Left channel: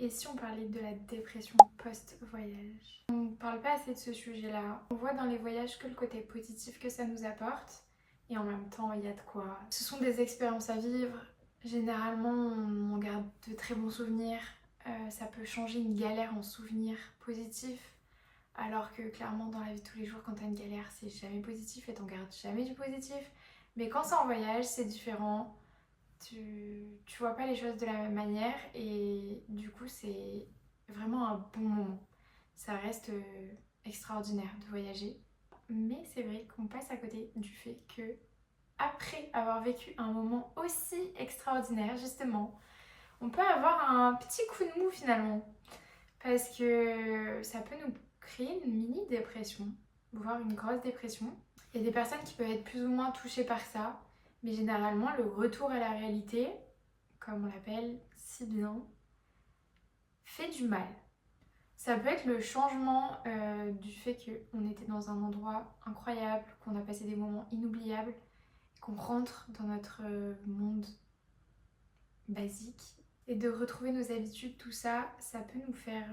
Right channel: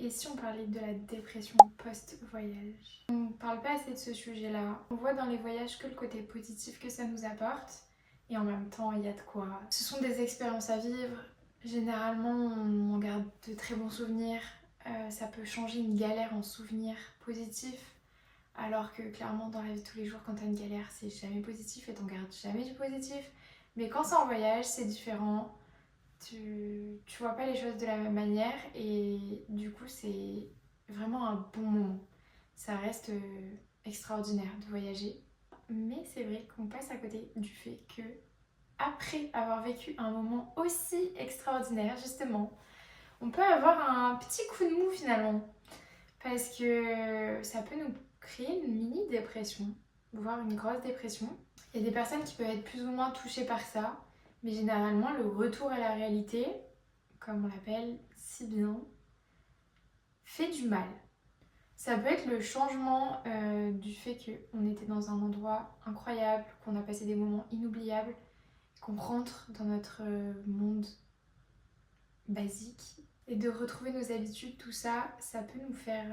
Et si on parlait de la dépression post-voyage? On parle pas assez de ce sujet-là. On voit dans les voyages que le côté positif que ça nous apporte. Et en même temps, il y a de quoi. Ce sont des expériences à vivre. Généralement, on garde de très bons souvenirs. Ça peut changer une galère en souvenir positif. Alors que clairement, dans la vie de tous les jours, quand t'as une galère, c'est jamais positif et t'en gardes jamais du positif. Mais quand c'est en voyage, c'est différent. Tu vois pas les choses de la même manière et du coup, c'est vraiment un bon moment. Ça reste extraordinaire de voyager. Mais c'est vrai qu'on passe à côté du fait que, après avoir vécu un moment aussi extraordinaire, justement, on peut avoir un petit coup de mou finalement. Parce que ça peut nous créer une mini dépression, voire une grosse dépression. Il y a des personnes qui peuvent être plus ou moins touchées par ça, mais généralement le retour à la réalité, comme on l'appelle si bien, fait du mal. Ça peut être le changement du fait qu'on était dans un endroit incroyable, qu'on a passé des moments inoubliables, qu'on rentre dans notre monde basique. Et de retrouver nos habitudes, tout ça, ça peut nous faire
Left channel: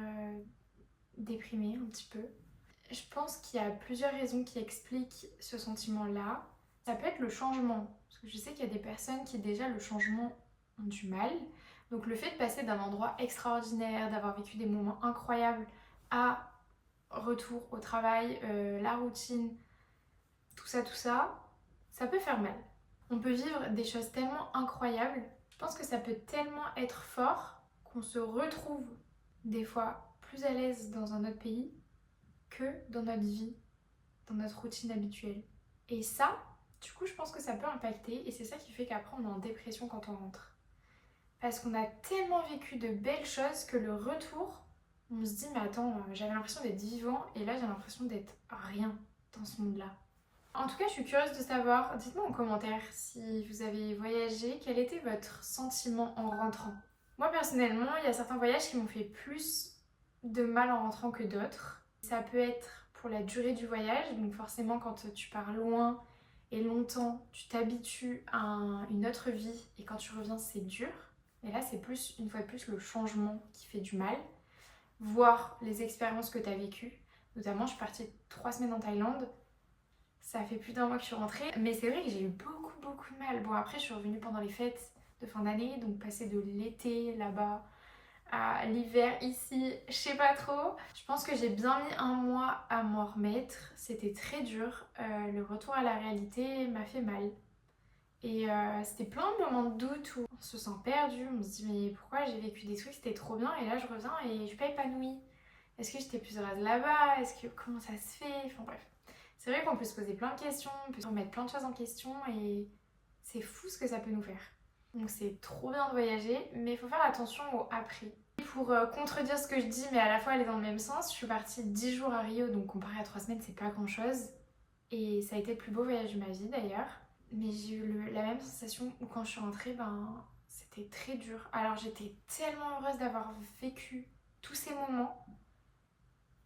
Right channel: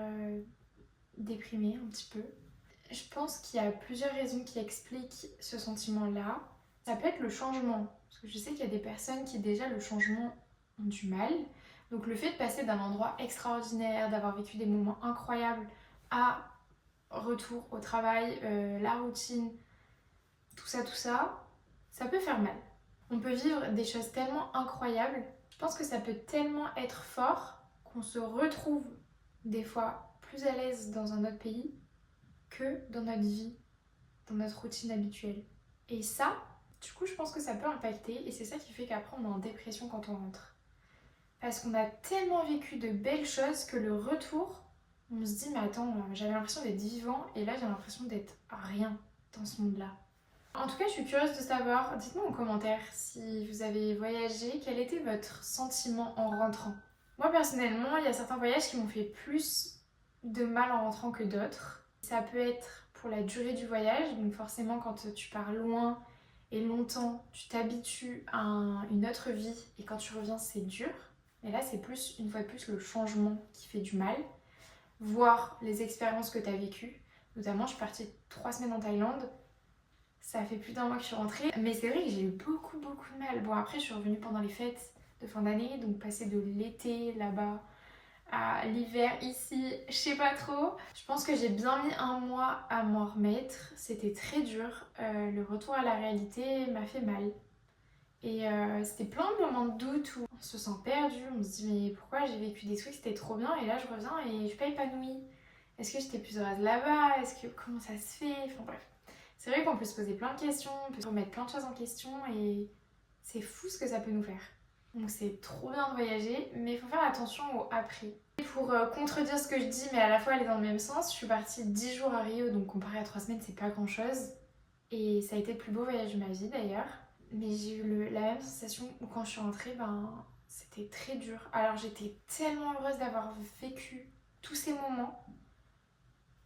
déprimer un petit peu. Je pense qu'il y a plusieurs raisons qui expliquent ce sentiment-là. Ça peut être le changement, parce que je sais qu'il y a des personnes qui déjà le changement ont du mal. Donc le fait de passer d'un endroit extraordinaire, d'avoir vécu des moments incroyables à retour au travail, la routine, tout ça, ça peut faire mal. On peut vivre des choses tellement incroyables. Je pense que ça peut tellement être fort qu'on se retrouve des fois plus à l'aise dans un autre pays que dans notre vie, dans notre routine habituelle. Et ça, du coup, je pense que ça peut impacter et c'est ça qui fait qu'après on est en dépression quand on rentre. Parce qu'on a tellement vécu de belles choses que le retour, on se dit mais attends, j'avais l'impression d'être vivant et là j'ai l'impression d'être rien dans ce monde-là. En tout cas, je suis curieuse de savoir, dites-moi en commentaire si vous avez voyagé, quel était votre sentiment en rentrant. Moi personnellement, il y a certains voyages qui m'ont fait plus de mal en rentrant que d'autres. Ça peut être pour la durée du voyage, donc forcément quand tu pars loin et longtemps, tu t'habitues à une autre vie et quand tu reviens, c'est dur. Et là, c'est plus, une fois de plus, le changement qui fait du mal. Voir les expériences que tu as vécues. Notamment, je suis partie 3 semaines en Thaïlande. Ça fait plus d'1 mois que je suis rentrée. Mais c'est vrai que j'ai eu beaucoup de mal. Bon, après, je suis revenue pendant les fêtes de fin d'année. Donc, passer de l'été là-bas à l'hiver ici, je sais pas trop. Je pense que j'ai bien mis 1 mois à m'en remettre. C'était très dur. Le retour à la réalité m'a fait mal. Et c'était plein de moments de doute où on se sent perdu, on se dit mais pourquoi j'ai vécu des trucs, c'était trop bien et là je reviens et je suis pas épanouie. Est-ce que j'étais plus heureuse là-bas? Est-ce que comment ça se fait? Enfin bref. C'est vrai qu'on peut se poser plein de questions, on peut se remettre plein de choses en question et c'est fou ce que ça peut nous faire. Donc c'est trop bien de voyager, mais il faut faire attention au après. Et pour contredire ce que je dis, mais à la fois aller dans le même sens, je suis partie 10 jours à Rio, donc comparé à 3 semaines, c'est pas grand chose. Et ça a été le plus beau voyage de ma vie d'ailleurs. Mais j'ai eu la même sensation où quand je suis rentrée, c'était très dur. Alors j'étais tellement heureuse d'avoir vécu tous ces moments.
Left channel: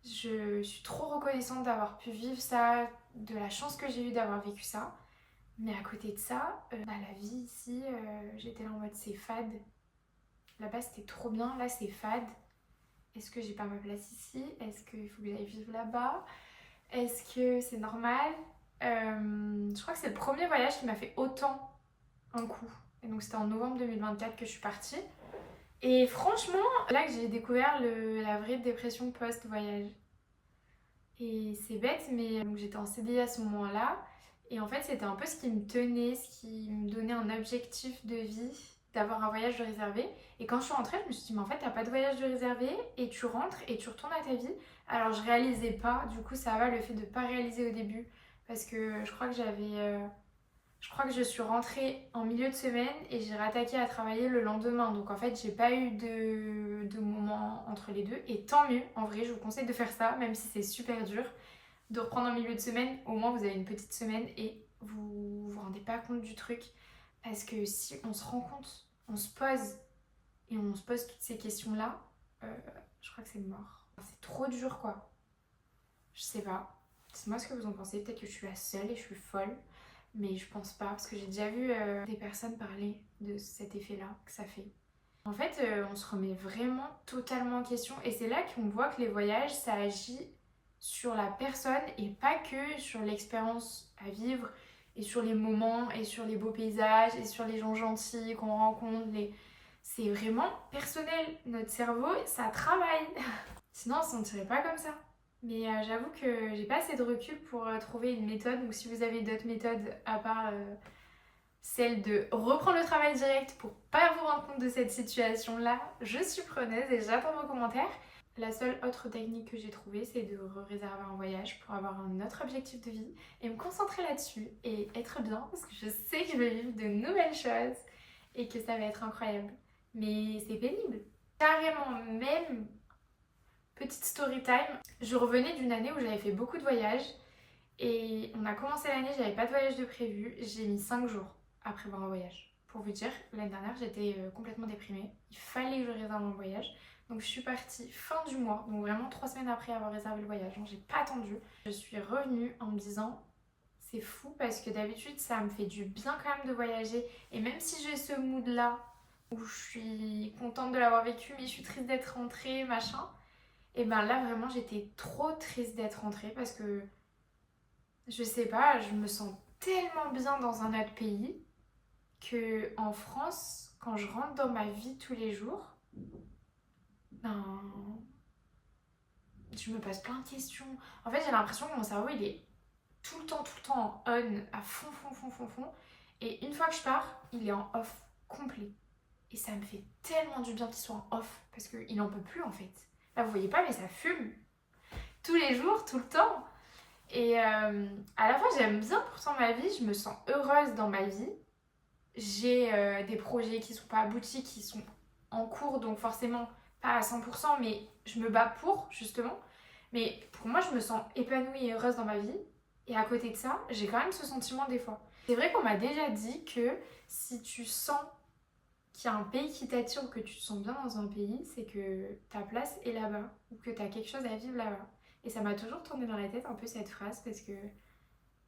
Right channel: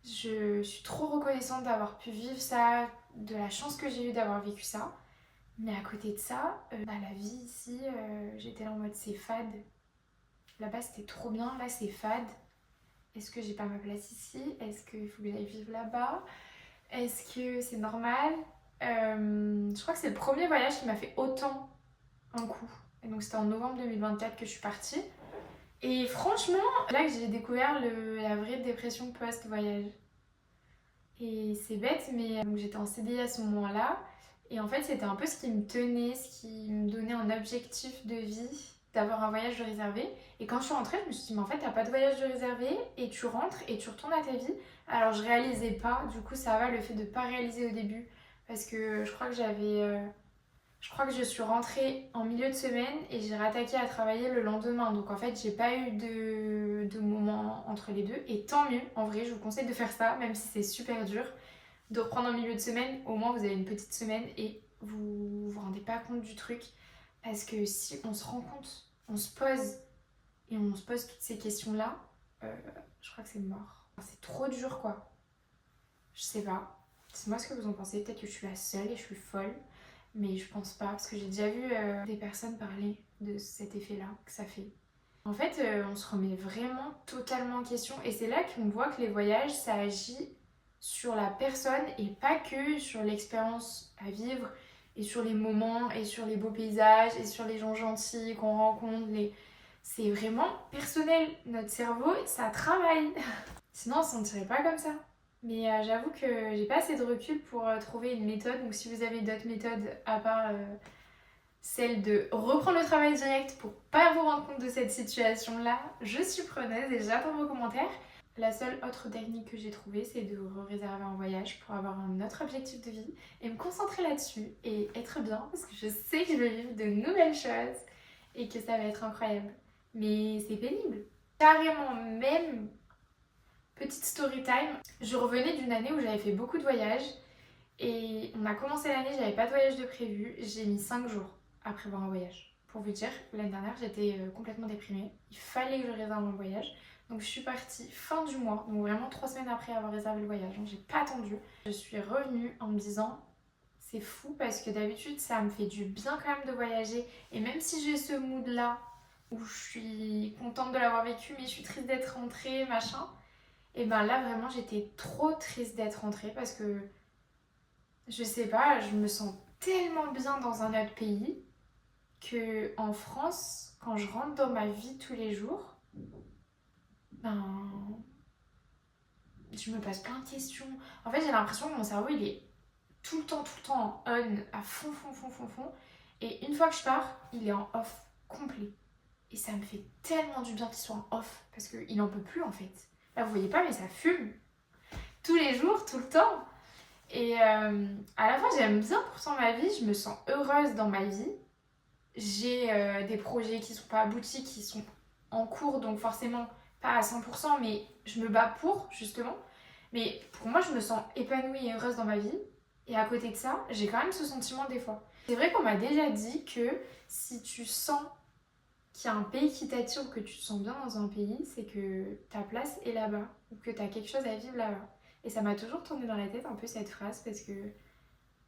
Je suis trop reconnaissante d'avoir pu vivre ça, de la chance que j'ai eue d'avoir vécu ça. Mais à côté de ça, la vie ici, j'étais là en mode c'est fade. Là-bas c'était trop bien, là c'est fade. Est-ce que j'ai pas ma place ici? Est-ce qu'il faut que j'aille vivre là-bas? Est-ce que c'est normal? Je crois que c'est le premier voyage qui m'a fait autant un coup. Et donc c'était en novembre 2024 que je suis partie. Et franchement, là que j'ai découvert la vraie dépression post-voyage. Et c'est bête, mais donc j'étais en CDI à ce moment-là. Et en fait, c'était un peu ce qui me tenait, ce qui me donnait un objectif de vie, d'avoir un voyage de réservé. Et quand je suis rentrée, je me suis dit, mais en fait, t'as pas de voyage de réservé et tu rentres et tu retournes à ta vie. Alors, je réalisais pas. Du coup, ça va le fait de pas réaliser au début. Parce que je crois que je suis rentrée en milieu de semaine et j'ai rattaqué à travailler le lendemain. Donc en fait, j'ai pas eu de moment entre les deux. Et tant mieux, en vrai, je vous conseille de faire ça, même si c'est super dur. De reprendre en milieu de semaine, au moins vous avez une petite semaine et vous vous rendez pas compte du truc. Parce que si on se rend compte, on se pose et on se pose toutes ces questions-là, je crois que c'est mort. C'est trop dur quoi. Je sais pas. C'est moi ce que vous en pensez. Peut-être que je suis la seule et je suis folle. Mais je pense pas, parce que j'ai déjà vu des personnes parler de cet effet-là que ça fait. En fait, on se remet vraiment totalement en question et c'est là qu'on voit que les voyages, ça agit sur la personne et pas que sur l'expérience à vivre et sur les moments et sur les beaux paysages et sur les gens gentils qu'on rencontre. C'est vraiment personnel. Notre cerveau, ça travaille. Sinon, on ne se sentirait pas comme ça. Mais j'avoue que j'ai pas assez de recul pour trouver une méthode. Donc si vous avez d'autres méthodes à part celle de reprendre le travail direct pour pas vous rendre compte de cette situation-là, je suis preneuse et j'attends vos commentaires. La seule autre technique que j'ai trouvée, c'est de réserver un voyage pour avoir un autre objectif de vie et me concentrer là-dessus et être bien parce que je sais que je vais vivre de nouvelles choses et que ça va être incroyable. Mais c'est pénible. Carrément, même petite story time, je revenais d'une année où j'avais fait beaucoup de voyages et on a commencé l'année, j'avais pas de voyage de prévu, j'ai mis 5 jours à prévoir un voyage. Pour vous dire, l'année dernière, j'étais complètement déprimée. Il fallait que je réserve mon voyage. Donc je suis partie fin du mois, donc vraiment 3 semaines après avoir réservé le voyage. Hein, j'ai pas attendu. Je suis revenue en me disant, c'est fou parce que d'habitude, ça me fait du bien quand même de voyager. Et même si j'ai ce mood-là, où je suis contente de l'avoir vécu, mais je suis triste d'être rentrée, machin. Et ben là, vraiment, j'étais trop triste d'être rentrée parce que, je sais pas, je me sens tellement bien dans un autre pays que en France, quand je rentre dans ma vie tous les jours, ben, je me pose plein de questions. En fait, j'ai l'impression que mon cerveau, il est tout le temps en on, à fond, fond, fond, fond, fond. Et une fois que je pars, il est en off complet. Et ça me fait tellement du bien qu'il soit en off, parce qu'il n'en peut plus en fait. Là, vous voyez pas, mais ça fume. Tous les jours, tout le temps. Et à la fois, j'aime bien pourtant ma vie, je me sens heureuse dans ma vie. J'ai des projets qui sont pas aboutis, qui sont en cours, donc forcément pas à 100%, mais je me bats pour, justement. Mais pour moi, je me sens épanouie et heureuse dans ma vie. Et à côté de ça, j'ai quand même ce sentiment des fois. C'est vrai qu'on m'a déjà dit que si tu sens qu'il y a un pays qui t'attire ou que tu te sens bien dans un pays, c'est que ta place est là-bas ou que tu as quelque chose à vivre là-bas. Et ça m'a toujours tourné dans la tête un peu cette phrase parce que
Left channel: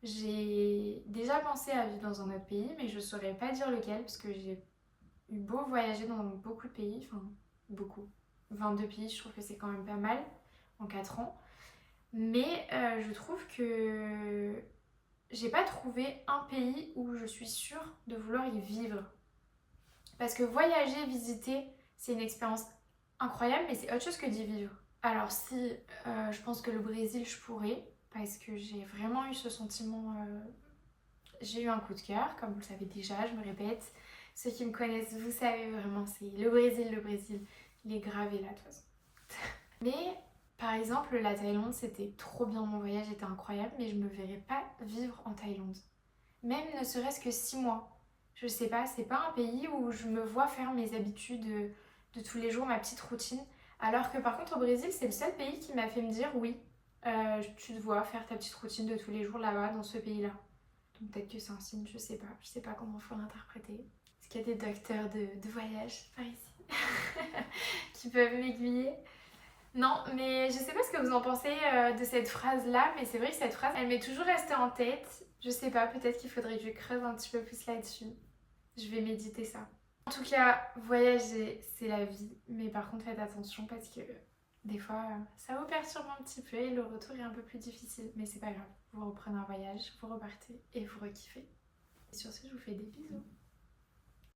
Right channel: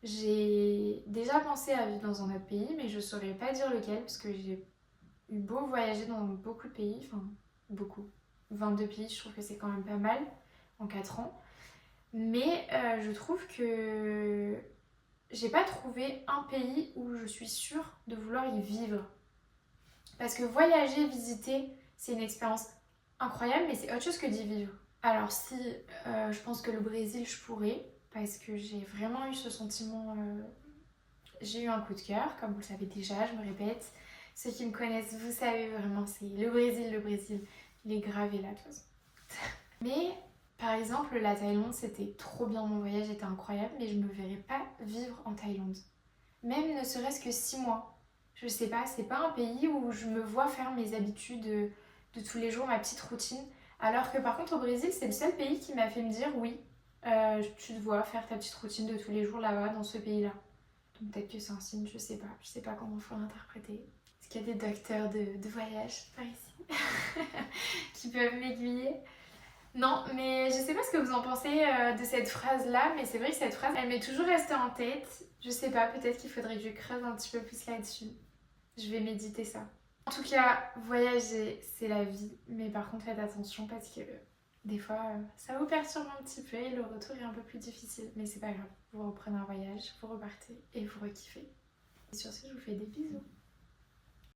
j'ai déjà pensé à vivre dans un autre pays, mais je saurais pas dire lequel parce que j'ai eu beau voyager dans beaucoup de pays, enfin beaucoup, 22 pays, je trouve que c'est quand même pas mal en 4 ans. Mais je trouve que j'ai pas trouvé un pays où je suis sûre de vouloir y vivre. Parce que voyager, visiter, c'est une expérience incroyable, mais c'est autre chose que d'y vivre. Alors si je pense que le Brésil, je pourrais, parce que j'ai vraiment eu ce sentiment, j'ai eu un coup de cœur, comme vous le savez déjà, je me répète. Ceux qui me connaissent, vous savez vraiment, c'est le Brésil, il est gravé là de toute façon. Mais par exemple, la Thaïlande, c'était trop bien, mon voyage était incroyable, mais je me verrais pas vivre en Thaïlande. Même ne serait-ce que 6 mois. Je sais pas, c'est pas un pays où je me vois faire mes habitudes de tous les jours, ma petite routine. Alors que par contre au Brésil, c'est le seul pays qui m'a fait me dire oui, tu te vois faire ta petite routine de tous les jours là-bas, dans ce pays-là. Donc peut-être que c'est un signe, je sais pas comment il faut l'interpréter. Est-ce qu'il y a des docteurs de voyage par ici qui peuvent m'aiguiller? Non, mais je sais pas ce que vous en pensez de cette phrase-là, mais c'est vrai que cette phrase, elle m'est toujours restée en tête. Je sais pas, peut-être qu'il faudrait que je creuse un petit peu plus là-dessus. Je vais méditer ça. En tout cas, voyager, c'est la vie, mais par contre, faites attention parce que des fois, ça vous perturbe un petit peu et le retour est un peu plus difficile. Mais c'est pas grave, vous reprenez un voyage, vous repartez et vous rekiffez. Et sur ce, je vous fais des bisous.